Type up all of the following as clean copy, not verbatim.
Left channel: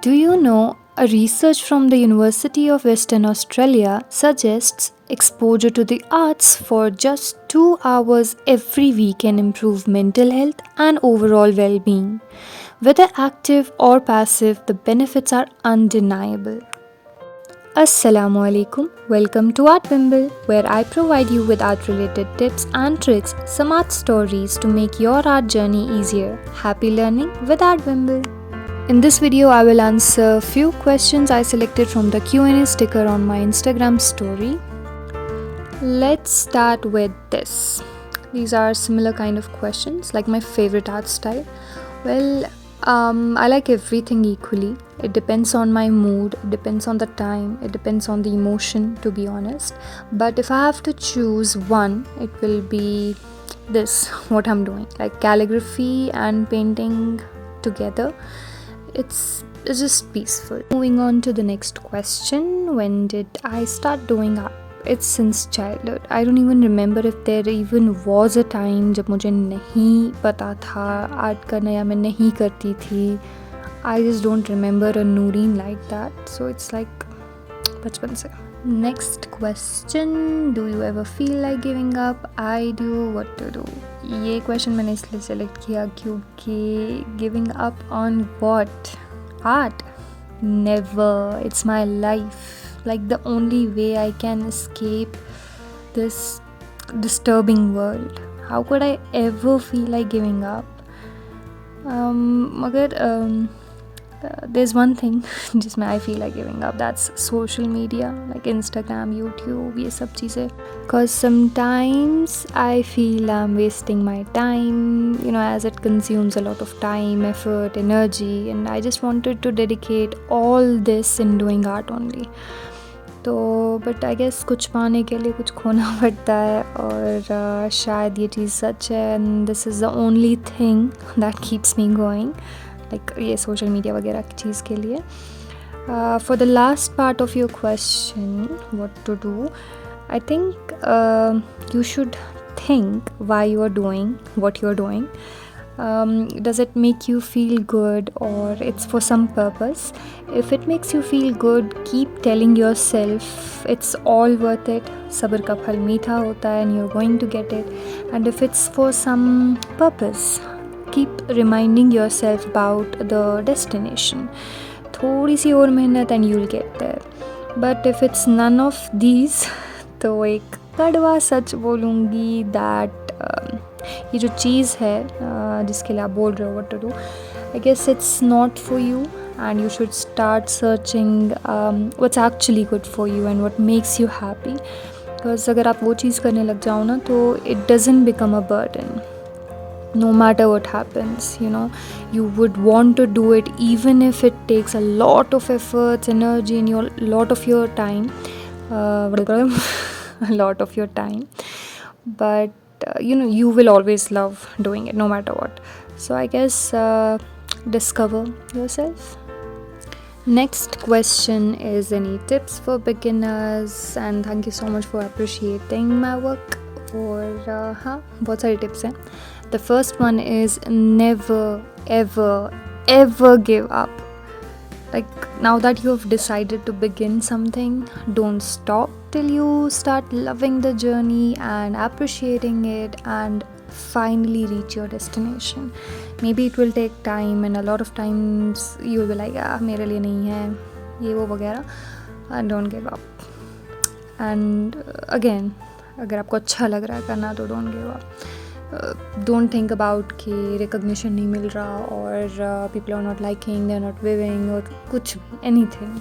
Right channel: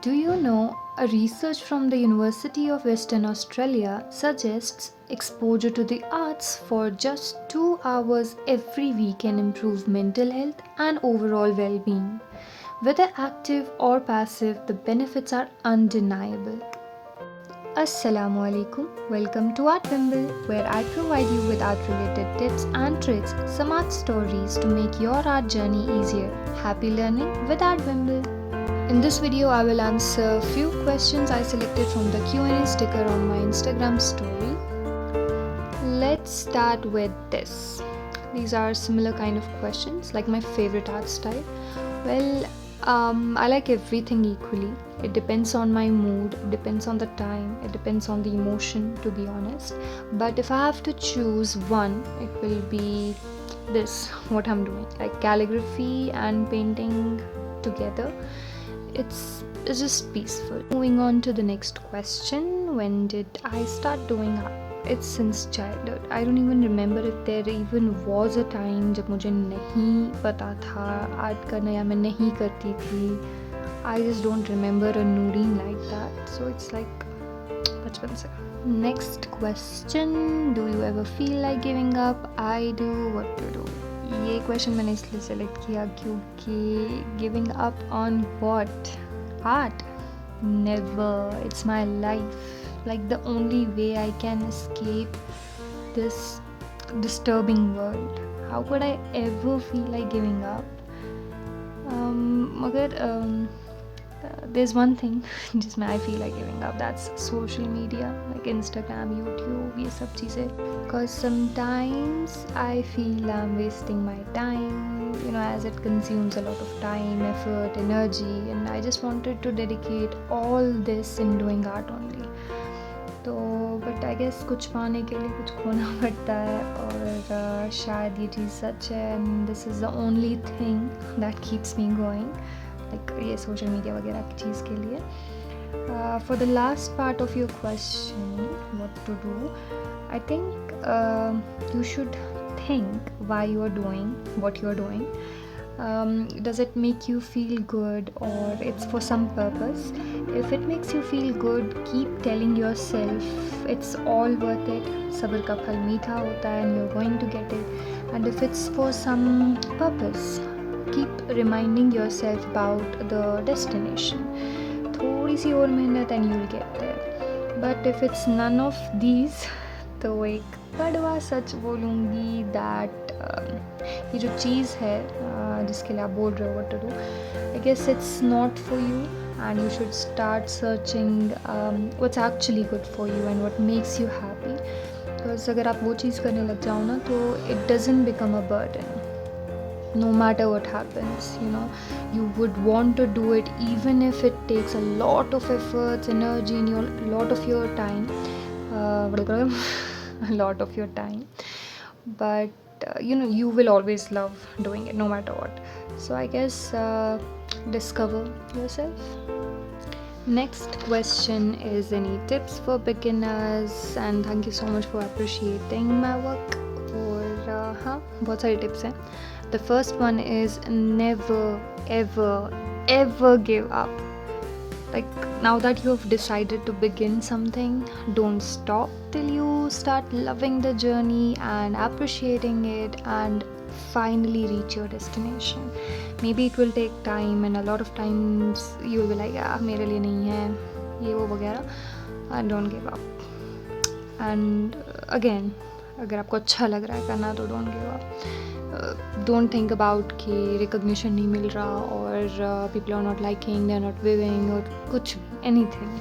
Do you know a research from the University of Western Australia suggests exposure to the arts for just 2 hours every week can improve mental health and overall well being. Whether active or passive, the benefits are undeniable. Assalamu alaikum. Welcome to art.bimble, where I provide you with art related tips and tricks, some art stories to make your art journey easier. Happy learning with art.bimble. In this video, I will answer few questions I selected from the Q&A sticker on my Instagram story. Let's start with this. These are similar kind of questions, like my favorite art style. Well, I like everything equally. It depends on my mood, it depends on the time, it depends on the emotion, to be honest. But if I have to choose one, it will be this, what I'm doing, like calligraphy and painting together. It's just peaceful. Moving on to the next question. When did I start doing art? It's since childhood. I don't even remember if there even was a time जब मुझे नहीं पता था art करना या मैं नहीं करती थी. I just don't remember a Nooreen like that. So it's like बचपन से. Next question. Do you ever feel like giving up? I do. What to do? ये क्वेश्चन मैंने इसलिए सेलेक्ट किया क्योंकि giving up on what? Art? Never. It's my life. Like the only way I can escape this disturbing world. How could I ever feel like giving up? मगर there's one thing जिसमें I feel like giving up. That's social media, like Instagram, YouTube, ये सब चीज़ें. Because sometimes I feel I'm wasting my time, as it consumes a lot of time, effort, energy, and I just wanted to dedicate all this in doing art only. तो but I guess कुछ पाने के लिए कुछ खोना पड़ता है, और शायद ये चीज़ सच है, and this is the only thing that keeps me going, like ये सोशल मीडिया वगैरह की चीज़ के लिए. For the last part of your question, what to do, I think you should think why you are doing what you are doing. Does it make you feel good, or it's for some purpose? If it makes you feel good, keep telling yourself it's all worth it. Sabr ka phal meetha hota hai and you're going to get it. And if it's for some purpose, keep reminding yourself about the destination. थोड़ी सी और मेहनत and you'll get there. But if it's none of these, तो एक कड़वा सच बोलूँगी that ये जो चीज़ है जिसके लिए आप बोल रहे हो what to do, I guess it's not for you, and you should start searching what's actually good for you and what makes you happy. Because अगर आप वो चीज़ करने लग जाओ ना, तो it doesn't become a burden. No matter what happens, you would want to do it even if it takes a lot of efforts, energy, and lot of your time. A lot of your time, but you will always love doing it no matter what. So I guess discover yourself. Next question is, any tips for beginners? And thank you so much for appreciating my work. और बहुत सारी tips हैं. The first one is never ever ever give up. Like, now that you have decided to begin something, don't stop till you start loving the journey and appreciating it and finally reach your destination. Maybe it will take time, and a lot of times you will be like, मेरे लिए नहीं है ये वो वगैरह. And don't give up. And again, अगर आपको अच्छा लग रहा है करना, तो don't give up. Don't think about कि recognition नहीं मिल रहा, और people are not liking, they are not viewing, और कुछ anything.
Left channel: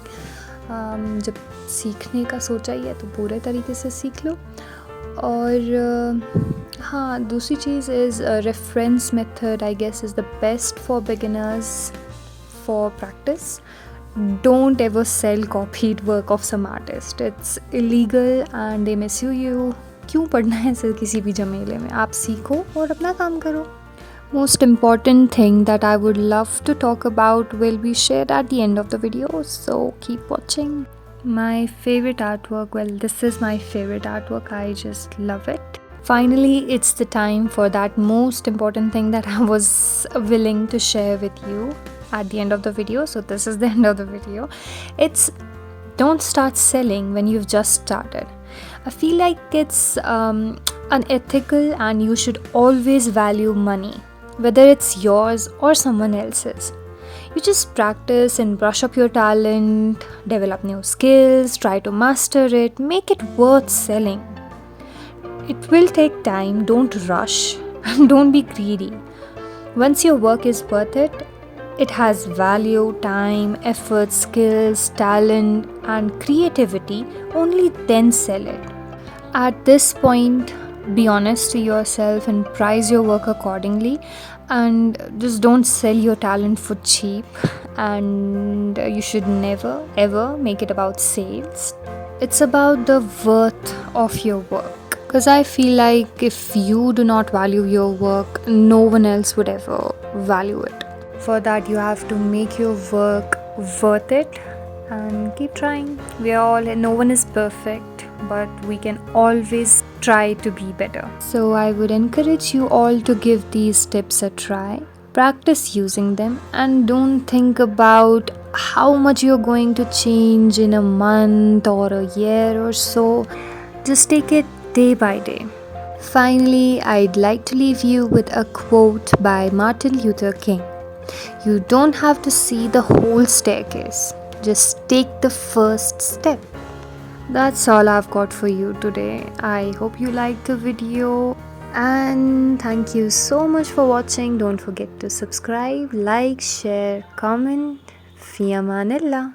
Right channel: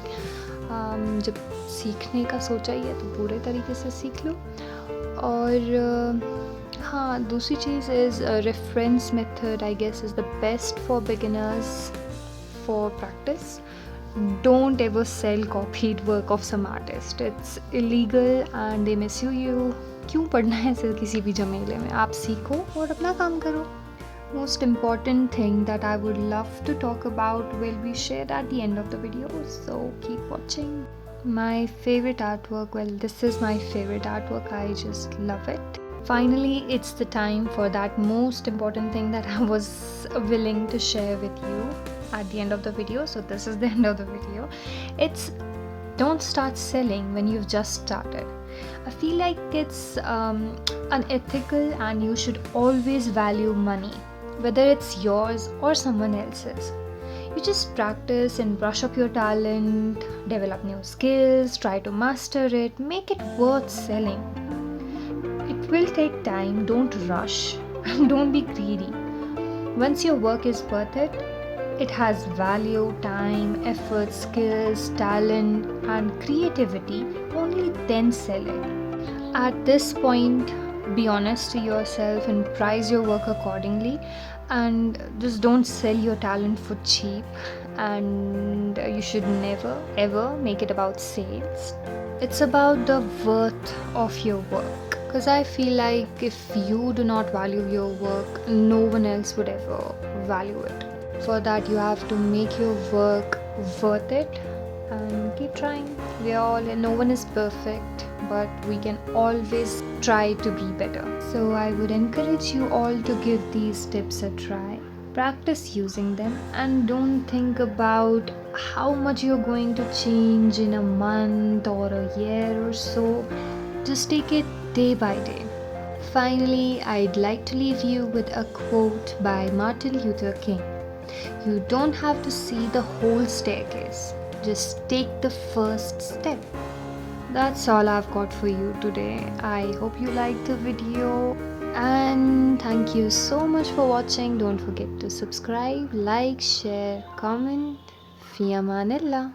जब सीखने का सोचा ही है तो पूरे तरीके से सीख लो. और दूसरी चीज़ is reference method, I guess, is the best for beginners for practice. Don't ever sell copied work of some artist. It's illegal and they misuse you. क्यों पढ़ना है सर किसी भी झमेले में? आप सीखो और अपना काम करो. Most important thing that I would love to talk about will be shared at the end of the video, so keep watching. My favorite artwork, well, this is my favorite artwork. I just love it. Finally, it's the time for that most important thing that I was willing to share with you. at the end of the video. So this is the end of the video. It's don't start selling when you've just started. I feel like it's unethical, and you should always value money, whether it's yours or someone else's. You just practice and brush up your talent, develop new skills, try to master it, make it worth selling. It will take time, don't rush, and don't be greedy. Once your work is worth it, it has value, time, effort, skills, talent, and creativity, only then sell it. At this point, be honest to yourself and price your work accordingly, and just don't sell your talent for cheap. And you should never ever make it about sales. It's about the worth of your work, because I feel like if you do not value your work, no one else would ever value it. For that, you have to make your work worth it and keep trying. No one is perfect, but we can always try to be better. So I would encourage you all to give these tips a try. Practice using them, and don't think about how much you're going to change in a month or a year or so. Just take it day by day. Finally, I'd like to leave you with a quote by Martin Luther King. You don't have to see the whole staircase, just take the first step. That's all I've got for you today. I hope you liked the video, and thank you so much for watching. Don't forget to subscribe, like, share, comment. Fi amanillah.